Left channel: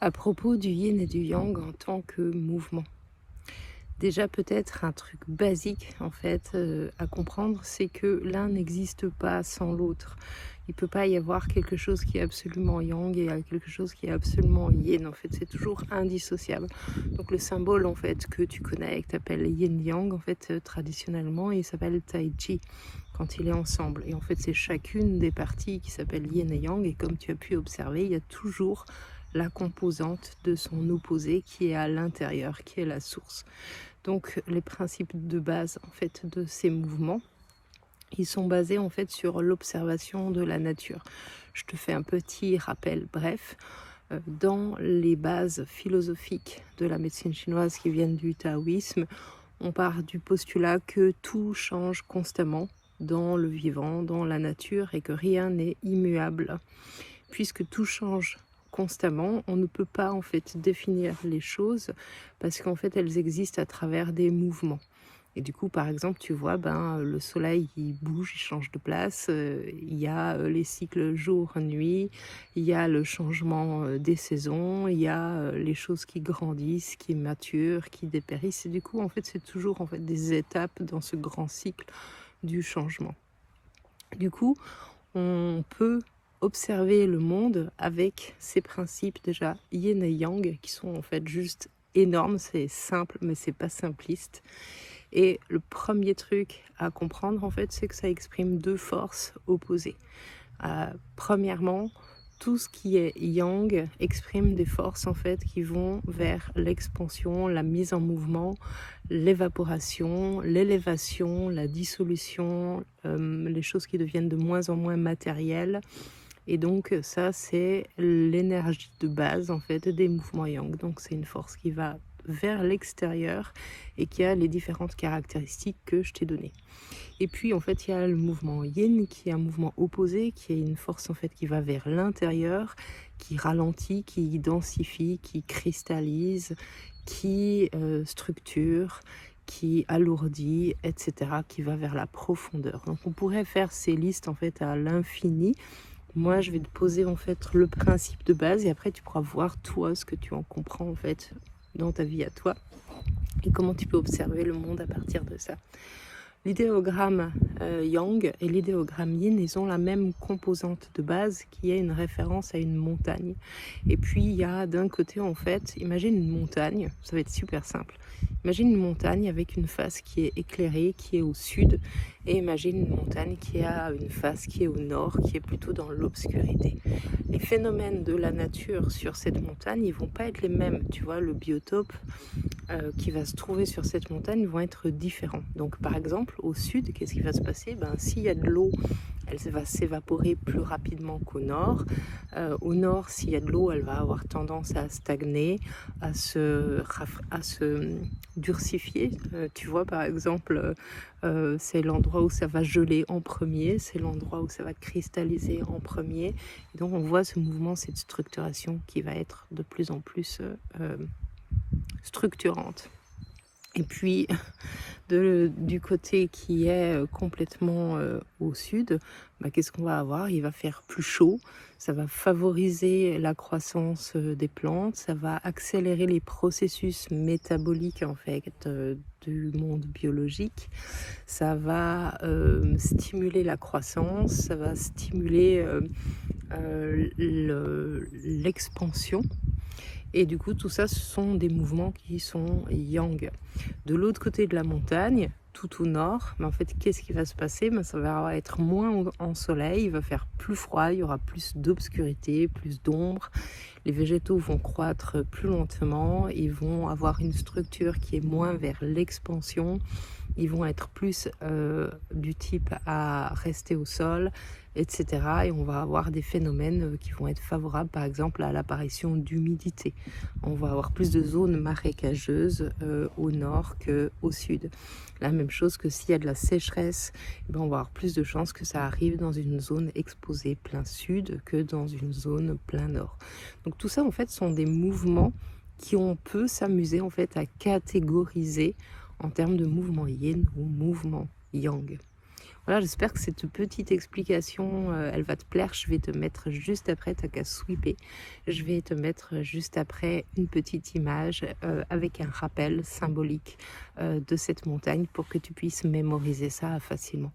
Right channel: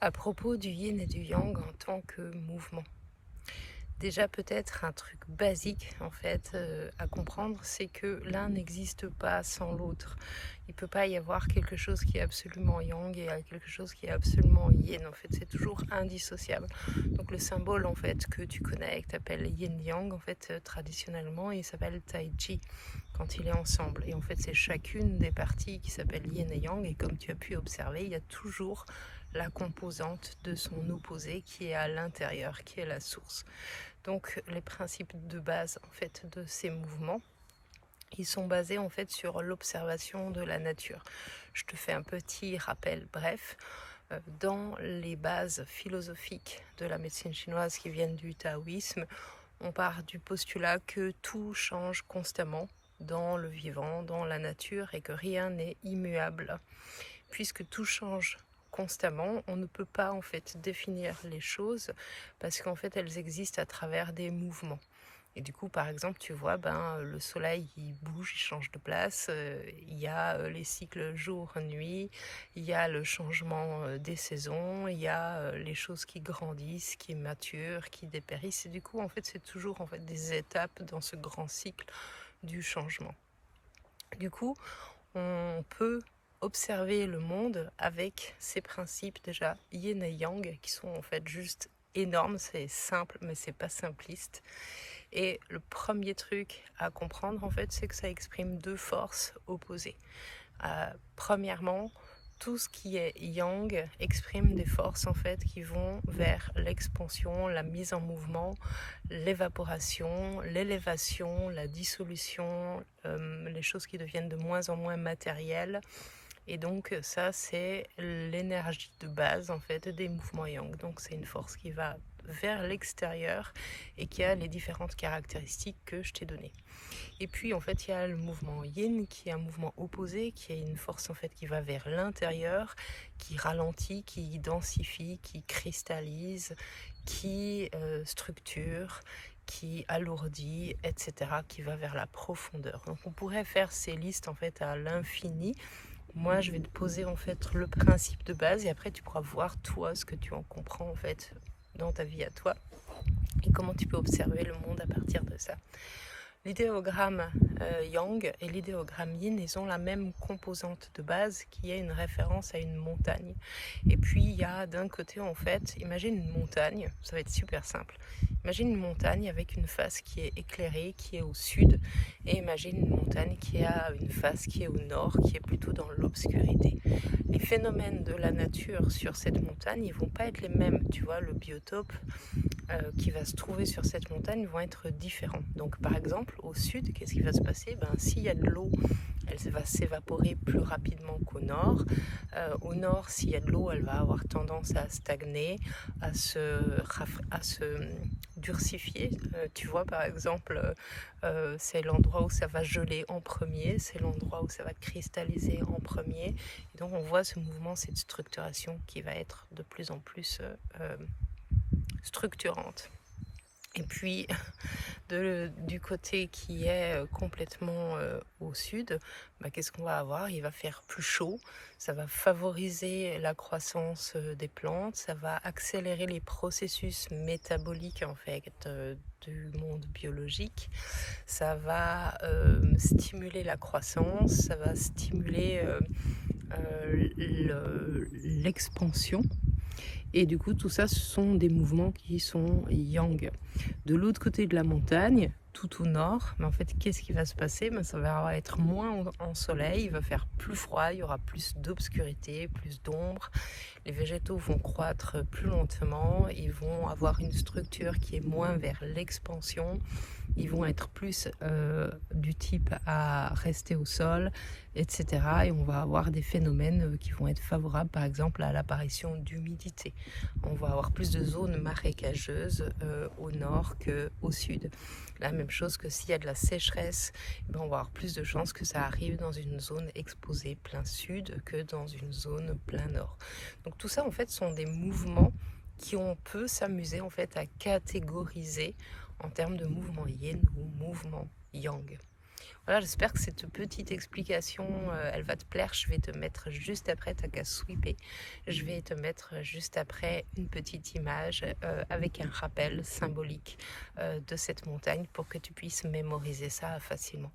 À propos du yin et du yang en tant que mouvement. Déjà peut-être un truc basique en fait à comprendre, c'est que l'un n'existe pas sans l'autre. Il peut pas y avoir quelque chose qui est absolument yang et quelque chose qui est absolument yin. En fait, c'est toujours indissociable. Donc le symbole en fait que tu connais, que tu appelles yin yang, en fait traditionnellement, il s'appelle tai chi quand il est ensemble. Et en fait, c'est chacune des parties qui s'appelle yin et yang. Et comme tu as pu observer, il y a toujours la composante de son opposé qui est à l'intérieur, qui est la source. Donc les principes de base en fait de ces mouvements, ils sont basés en fait sur l'observation de la nature. Je te fais un petit rappel bref. Dans les bases philosophiques de la médecine chinoise qui viennent du taoïsme, on part du postulat que tout change constamment dans le vivant, dans la nature, et que rien n'est immuable. Puisque tout change constamment, on ne peut pas en fait définir les choses parce qu'en fait elles existent à travers des mouvements. Et du coup, par exemple, tu vois, le soleil, il bouge, il change de place. Il y a les cycles jour-nuit, il y a le changement des saisons, il y a les choses qui grandissent, qui maturent, qui dépérissent. Et du coup, en fait, c'est toujours en fait des étapes dans ce grand cycle du changement. Du coup, on peut observer le monde avec ces principes déjà yin et yang qui sont en fait juste énormes. C'est simple, mais c'est pas simpliste. Et le premier truc à comprendre, en fait, c'est que ça exprime deux forces opposées. Premièrement, tout ce qui est yang exprime des forces en fait qui vont vers l'expansion, la mise en mouvement, l'évaporation, l'élévation, la dissolution, les choses qui deviennent de moins en moins matérielles. Et donc ça, c'est l'énergie de base en fait des mouvements yang. Donc c'est une force qui va vers l'extérieur et qui a les différentes caractéristiques que je t'ai données. Et puis en fait il y a le mouvement yin qui est un mouvement opposé, qui est une force en fait qui va vers l'intérieur, qui ralentit, qui densifie, qui cristallise, qui structure, qui alourdit, etc., qui va vers la profondeur. Donc on pourrait faire ces listes en fait à l'infini. Moi, je vais te poser en fait le principe de base et après tu pourras voir toi ce que tu en comprends en fait dans ta vie à toi et comment tu peux observer le monde à partir de ça. L'idéogramme yang et l'idéogramme yin, ils ont la même composante de base qui est une référence à une montagne. Et puis il y a d'un côté en fait, imagine une montagne, ça va être super simple. Imagine une montagne avec une face qui est éclairée, qui est au sud, et imagine une montagne qui a une face qui est au nord, qui est plutôt dans l'obscurité. Les phénomènes de la nature sur cette montagne, ils vont pas être les mêmes. Tu vois, le biotope qui va se trouver sur cette montagne vont être différents. Donc par exemple, au sud, qu'est-ce qui va se passer? S'il y a de l'eau, elle va s'évaporer plus rapidement qu'au nord. Au nord, s'il y a de l'eau, elle va avoir tendance à stagner, à se durcifier. Tu vois, par exemple, c'est l'endroit où ça va geler en premier, c'est l'endroit où ça va cristalliser en premier. Et donc on voit ce mouvement, cette structuration qui va être de plus en plus structurante. Et puis du côté qui est complètement au sud, qu'est-ce qu'on va avoir? Il va faire plus chaud, ça va favoriser la croissance des plantes, ça va accélérer les processus métaboliques en fait du monde biologique, ça va stimuler la croissance, ça va stimuler l'expansion. Et du coup, tout ça, ce sont des mouvements qui sont yang. De l'autre côté de la montagne, tout au nord, en fait, qu'est-ce qui va se passer? Ça va être moins en soleil, il va faire plus froid, il y aura plus d'obscurité, plus d'ombre. Les végétaux vont croître plus lentement, ils vont avoir une structure qui est moins vers l'expansion, ils vont être plus du type à rester au sol, etc. Et on va avoir des phénomènes qui vont être favorables, par exemple, à l'apparition d'humidité. On va avoir plus de zones marécageuses au nord qu'au sud. La même chose que s'il y a de la sécheresse, on va avoir plus de chances que ça arrive dans une zone exposée plein sud que dans une zone plein nord. Donc tout ça, en fait, sont des mouvements on peut s'amuser en fait à catégoriser en termes de mouvement yin ou mouvement yang. Voilà, j'espère que cette petite explication, elle va te plaire. Je vais te mettre juste après, tu qu'à swiper. Je vais te mettre juste après une petite image, avec un rappel symbolique, de cette montagne pour que tu puisses mémoriser ça facilement.